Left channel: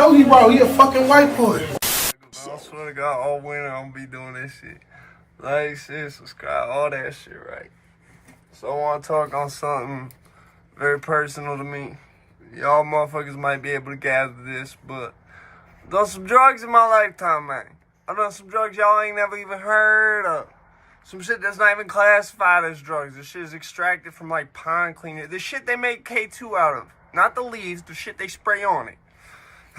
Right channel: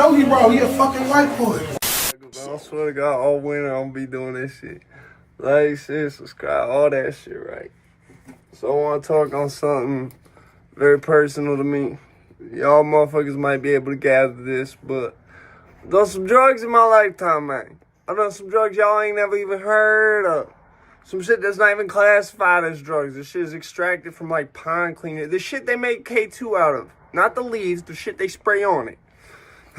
Joey, bro. He a fucking white boy. I swear to God, all winter I'm gonna be doing this shit. Like, share, subscribe, all that shit, right? So I want to talk on something very personal to me. Y'all motherfuckers might be able to gather this, but I've done some drugs in my lifetime, man. I've done some drugs y'all ain't never even heard of. Some shit that's not even classified as drugs. This shit is extracted from, like, pond cleaner. The shit they make K2 out of. Not the leaves, the shit they spray on it.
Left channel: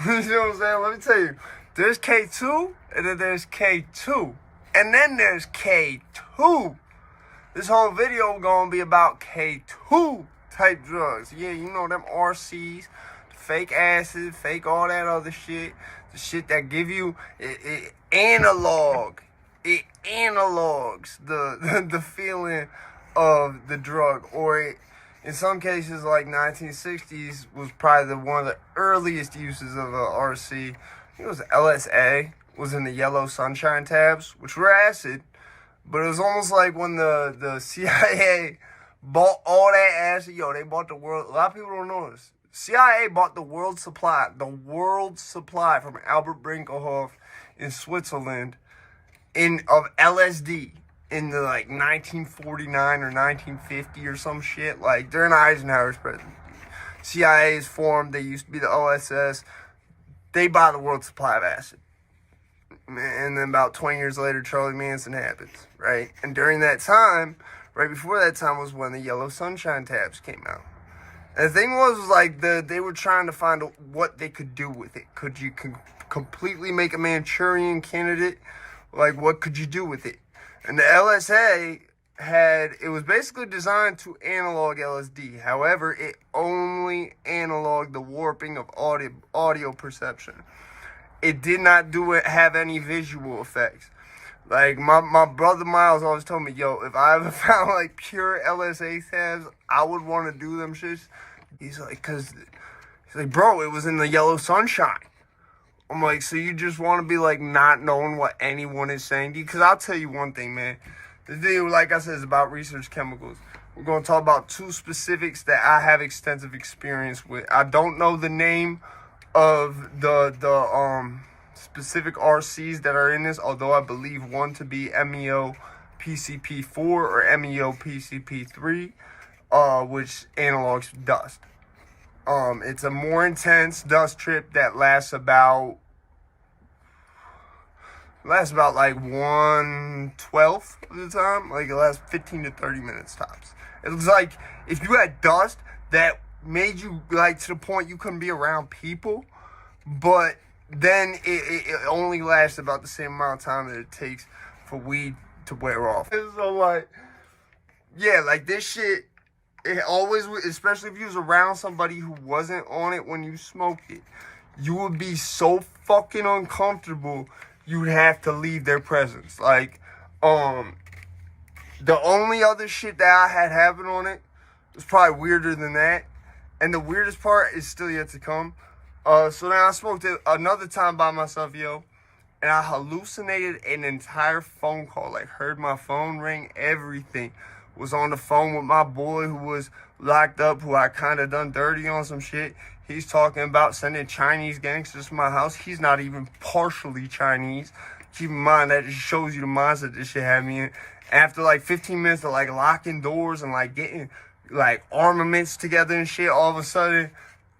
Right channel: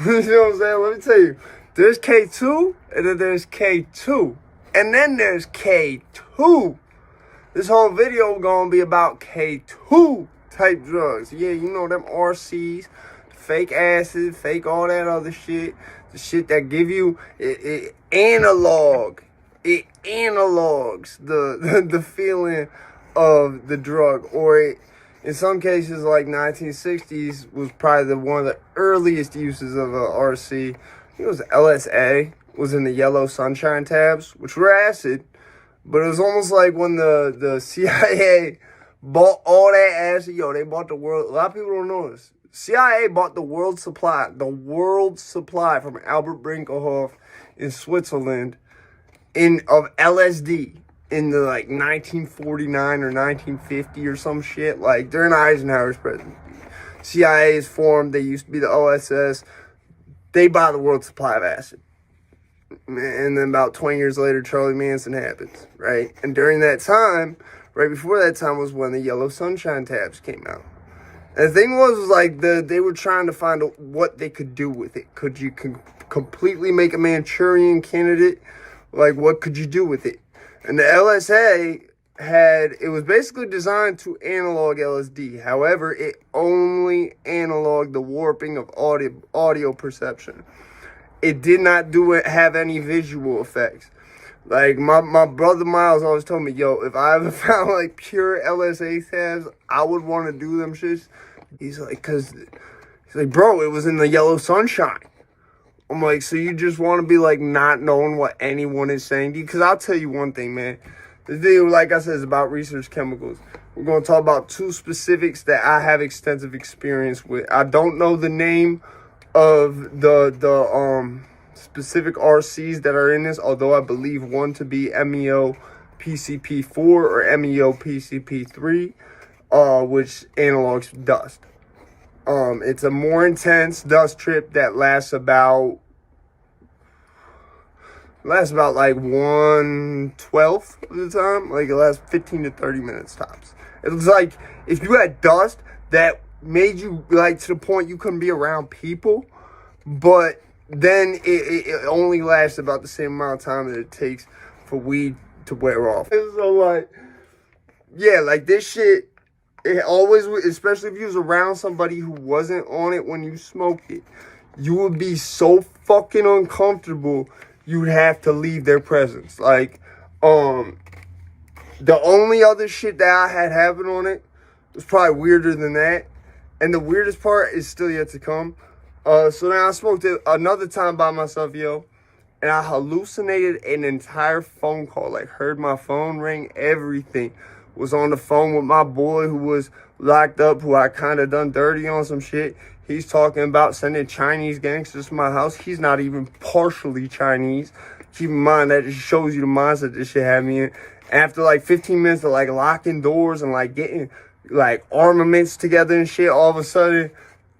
You know what I'm saying? Let me tell you. There's K2, and then there's K2. And then there's K2. This whole video gonna be about K2 type drugs. Yeah, you know them RCs, fake acid, fake all that other shit. The shit that give you it analog. It analogs the feeling of the drug. Or it, in some cases, like 1960s, was probably one of the earliest uses of a RC. I think it was LSA, was in the yellow sunshine tabs, which were acid. But it was almost like when the CIA bought all that acid. Yo, they bought the world. A lot of people don't know this. CIA bought the world supply from Albert Brinkelhoff in Switzerland of LSD in the like 1949 or 1950 or some shit. Like during Eisenhower's presidency. CIA is formed. They used to be the OSS. They buy the world supply of acid. And then about 20 years later, Charlie Manson happens, right? And during that time, right before that time was when the yellow sunshine tabs came out. And the thing was like they were trying to find what they could do with it. Could you completely make a Manchurian candidate? Like, what could you do with it? And the LSA it was basically designed to analog LSD. However, it only analoged the warping of audio perception. It did not have any visual effects. Like, my brother Miles always told me, yo, if I ever found, like, pure LSA tabs, I would want to do them shits. He's like, bro, it was in the yellow sunshine. I'm like, so you just want to be, like, not knowing what anyone is saying to you? Because I'll tell you one thing, man. The video, like I said, is about research chemicals. We're going to talk about two specifics that I have extensive experience with. I don't know the name of the specific RCs that are in this, although I believe one to be MEO PCP4 or MEO PCP3, which analogs dust. It's a more intense dust trip that lasts about like 1/12 of the time. Like it lasts 15 to 30 minutes tops. It's like if you had dust that made you like to the point you couldn't be around people, but then it only lasts about the same amount of time that it takes for weed to wear off. And so like, yeah, like this shit, it always, especially if you was around somebody who wasn't on it when you smoked it, you would be so fucking uncomfortable you'd have to leave their presence. Like, the only other shit that I had happen on it was probably weirder than that. And the weirdest part is still yet to come. So now I smoked it another time by myself, yo. And I hallucinated an entire phone call. Like, heard my phone ring, everything. Was on the phone with my boy who was locked up, who I kind of done dirty on some shit. He's talking about sending Chinese gangsters to my house. He's not even partially Chinese. Keep in mind, that just shows you the mindset this shit had me in. After like 15 minutes of like locking doors and like getting like armaments together and shit, all of a sudden,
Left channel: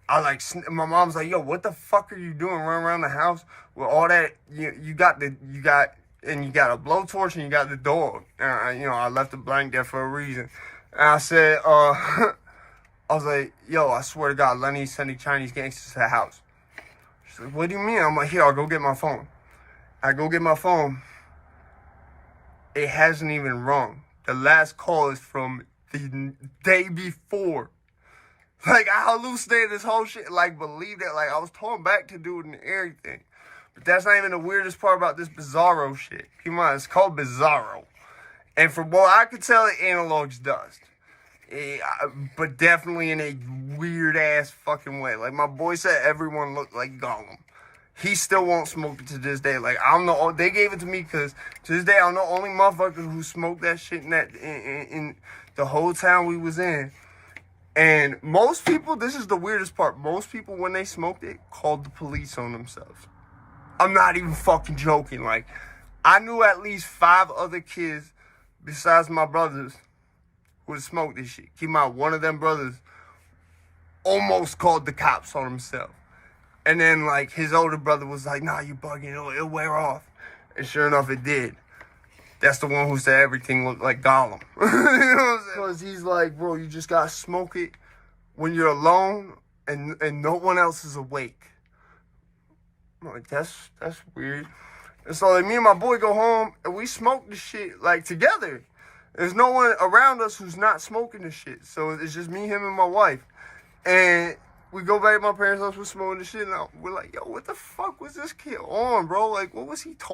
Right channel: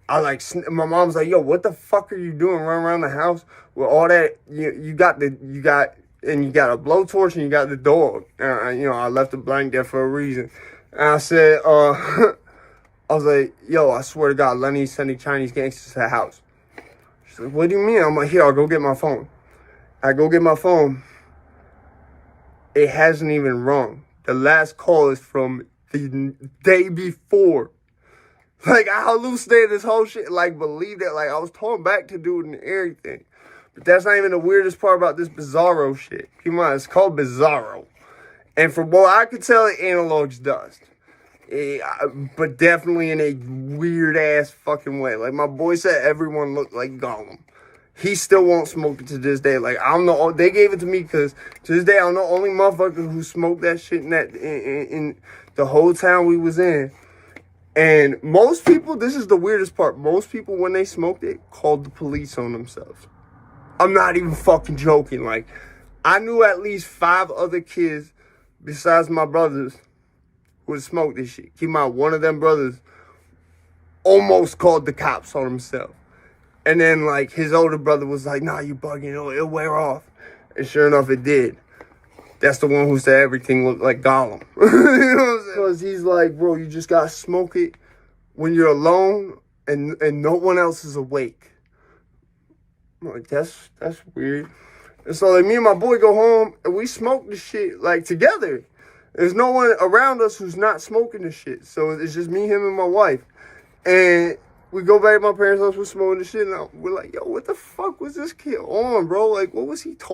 my mom's like, yo, what the fuck are you doing running around the house with all that? You got a blowtorch and you got the dog. I left the blank there for a reason. And I said, I was like, yo, I swear to God, Lenny's sending Chinese gangsters to the house. She's like, what do you mean? I'm like, here, I'll go get my phone. I go get my phone. It hasn't even rung. The last call is from the day before. Like, I hallucinated this whole shit, like, believed it. Like, I was told back to do it and everything. But that's not even the weirdest part about this Bizarro shit. Keep in mind, it's called Bizarro. And from what I could tell, it analogs dust. But definitely in a weird-ass fucking way. Like, my boy said everyone looked like Gollum. He still won't smoke it to this day. Like, I don't know. They gave it to me because to this day, I don't know only motherfuckers who smoked that shit in the whole town we was in. And most people, this is the weirdest part, most people, when they smoked it, called the police on themselves. I'm not even fucking joking. Like, I knew at least 5 other kids besides my brothers who would smoke this shit. Keep in mind, one of them brothers almost called the cops on himself. And then, like, his older brother was like, nah, you bugging, it'll wear off. And sure enough, it did. That's the one who said everything looked like Gollum. You know what I'm saying? Because he's like, bro, you just gotta smoke it when you're alone and no one else is awake. I'm like, that's weird. And so, like, me and my boy go home and we smoke the shit, like, together. There's no one around us who's not smoking the shit. So it's just me, him, and my wife. And we go back to my parents' house, we're smoking the shit, and we're like, yo, what the fuck was this kid on, bro? Like, what was he talking?